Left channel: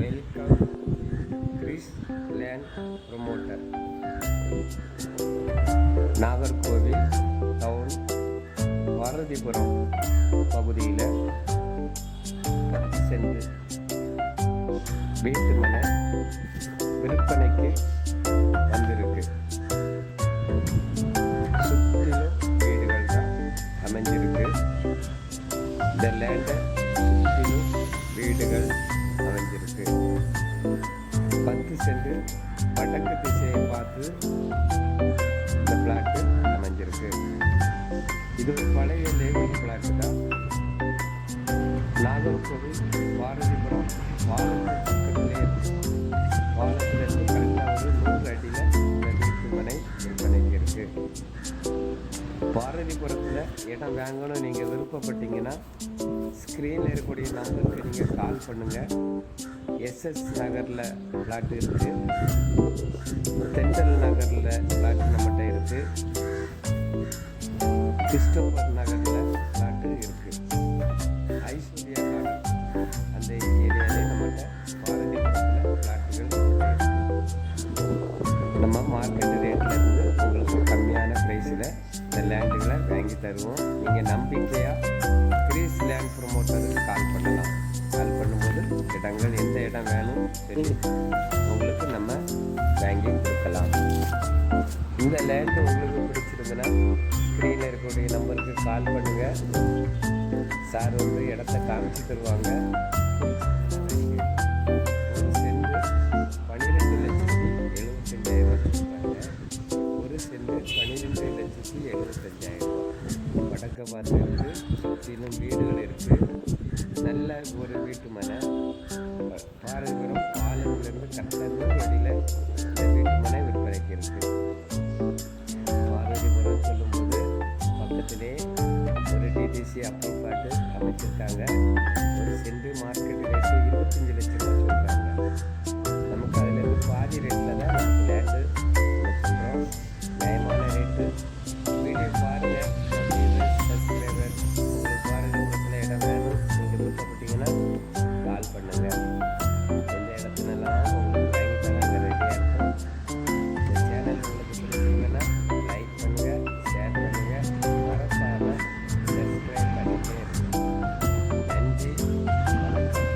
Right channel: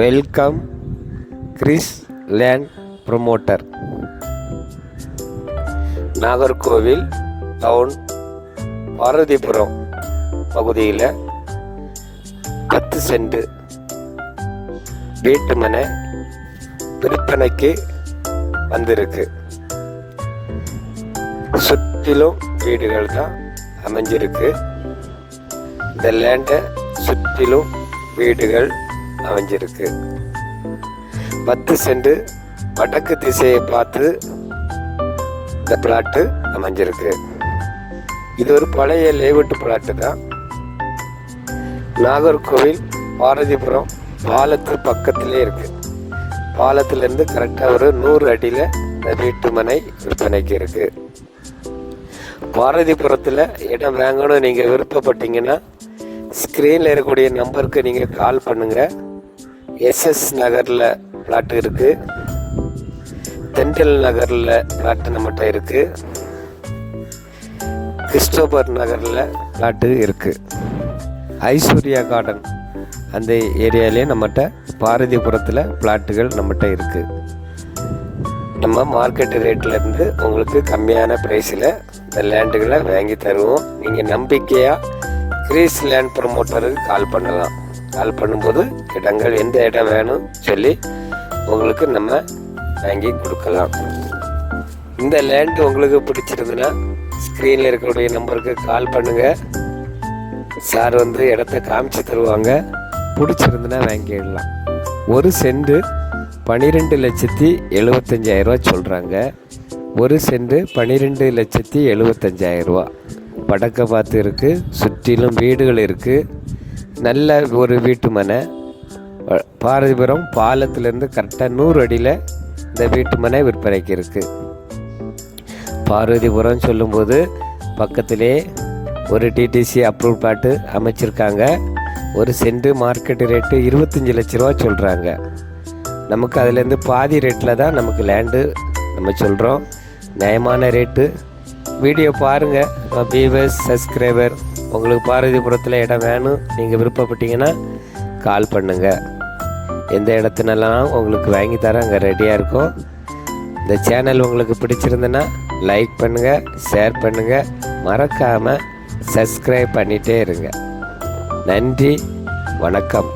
Welcome Chris land promoter. Nagercoil town Parvathipuram பகுதியில் 10 send வீட்டு மனை விற்பனைக்கு வந்திருக்கு. சுற்றிலும் வீடுகள் தான் அமைஞ்சிருக்கு. இந்த லேண்டை சுற்றிலும் வீடுகள் அமைஞ்சிருக்கு. 10 சென்ட் வடக்கு திசையை பார்த்து இந்த பிளாட்டு அமைஞ்சிருக்கு. இது ஒரு பழைய லேஅவுட் பிளாட்டு தான். நாகர்கோவில் பார்வதிபுரம் பாலத்து பக்கத்திலே இருக்கு. பாலத்திலேருந்து கரெக்டாக ஒரு 100 அடியில் இந்த வீட்டு மனை விற்பனைக்கு இருக்கு. பார்வதிபுரத்தில் இடம் வாங்கணும் நீங்கள் விருப்பப்பட்டீங்கன்னா ஸ்க்ரீனில் இருக்கக்கூடிய நம்பருக்கு நீங்கள் கால் பண்ணுங்கள். எஸ்எஸ் நகரில் பிளாட்டு இருக்குது, தென்றல் நகரில் பிளாட்டு நம்மகிட்ட இருக்குது, கிறிஸ்டோபர் நகரில் பிளாட்டு இருக்குது, ஐஸ்வர்யா கார்டன் அந்த ஏரியாலே நம்மகிட்ட பார்வதிபுரத்தில் பிளாட்டுகள் நம்மகிட்ட இருக்குது. நம்ம மார்க்கெட் ரேட்லேருந்து உங்களுக்கு கம்மியான ப்ரைஸில் இந்த லேண்டுகளை வாங்கி தருவோம். நீங்கள் நம்பிக்கையாக கிரீஸ் லேண்ட் ப்ரொமோட்டருக்கு கால் பண்ணலாம். கால் பண்ணும்போது இடங்கள் எந்த இடம் வேணும் சொல்லி உங்களுக்கு நம்ம வாங்கி கொடுக்கலாம். இந்த லேண்டு உங்களுக்கு பிடிச்சிருந்துன்னா ஸ்க்ரீனில் இருக்கக்கூடிய நம்பருக்கு கால் பண்ணுங்கள். சார் இடத்த காமிச்சு தருவாங்க. பிடிச்சிருந்துன்னா வாங்கிடலாம். 1 சென்ட் 12,75,000 சொல்கிறாங்க. 1 சென்ட் 12,75,000 வடக்க பார்த்து இருக்குது. சுற்றிலும் வீடுகள் இருக்குது. நல்ல ஒரு வீட்டு மனை. பார்வதிபுரம் பாலத்திலேருந்து கரெக்டாக 100 அடியில் இந்த வீட்டு மனை விற்பனைக்கு இருக்குது. பார்வதிபுரம் சொல்லும்போது பக்கத்திலே ஒரு டிடிசி அப்ரூவ் பிளாட்டு அமைச்சிருக்காங்க. 1 சென்ட் மார்க்கெட் ரேட்டு 25 லட்ச ரூபா சொல்கிறாங்க. நமக்கு அதுலேருந்து பாதி ரேட்டில் தான் நமக்கு லேண்டு நம்ம சொல்கிறோம். நியாயமான ரேட்டு. வீடியோ பாருங்கள். வியூவர்ஸ், சப்ஸ்கிரைபர், உங்களுக்கு பார்வதிபுரத்தில் இடம் வேணும் நீங்கள் விருப்பப்பட்டீங்கன்னா கால் பண்ணுங்கள். எந்த இடத்துனெல்லாம் உங்களுக்கு வாங்கி தர அங்கே ரெடியாக இருக்கும். இந்த சேனல் உங்களுக்கு பிடிச்சிருந்துன்னா லைக் பண்ணுங்கள், ஷேர் பண்ணுங்கள், மறக்காமல் சப்ஸ்கிரைப் பண்ணிகிட்டே இருங்க. நன்றி, வணக்கம்.